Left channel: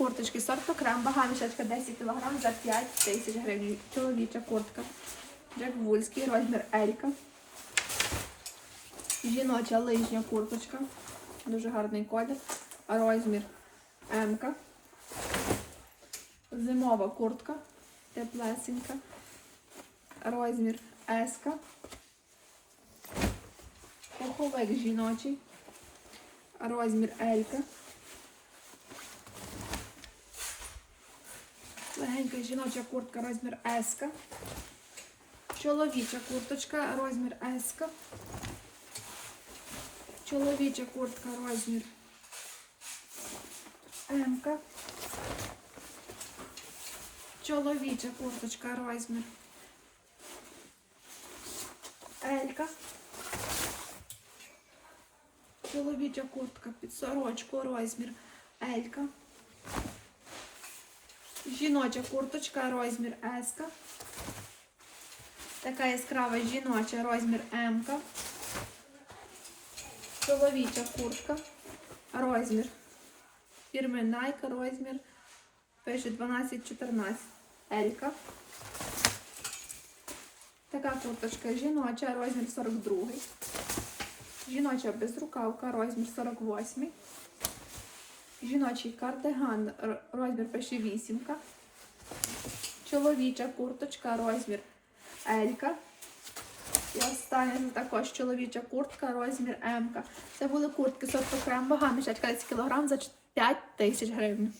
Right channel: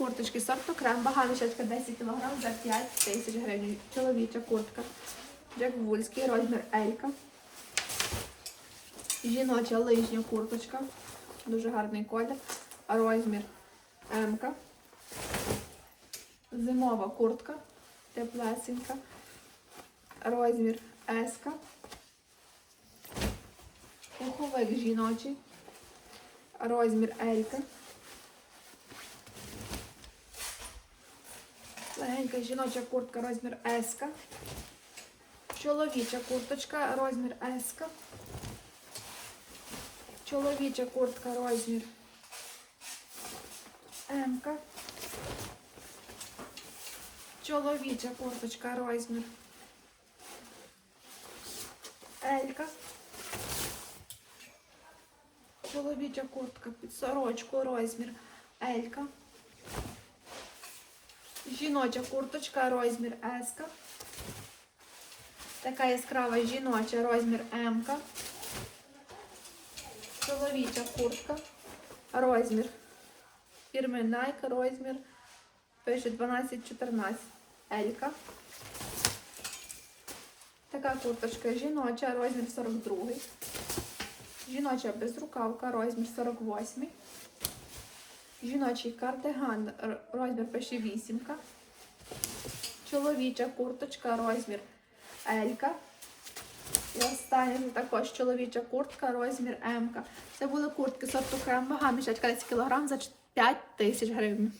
Курточки сорту крем, вага мішечка 10 кг за 5 тисяч гривень. Чоловіча куртка. Джек Вульський, розмір Елька. Жіноча лижня курточка. Дуже гарний колір. Розмір М-ка. Зимова куртка. Теплесенька. Розмір С-ка. Пуховик жіночий. Розмір Елька. Легенька жіноча куртка, розмір S. Чоловіча курточка, розмір S. Чоловіча куртка, розмір М. Чоловіча курточка, розмір L. Чоловіча куртка під сорочку, розмір L. Жіноча курточка, розмір S. Така яскрава жіноча, розмір М. Чоловіча куртка, розмір. Фірми Nike, розмір. Пише 12-14. Елька. Така курточка жіноча, розмір 42. Жіноча безрукавка, розмір 48. Жіночий кардиган, розмір пише вісімка. Чоловіча курточка, розмір Елька. І остання також чоловіча куртка, розмір М. Це були куртки сорту крем, вага мішечка 10 кг за 5 тисяч гривень.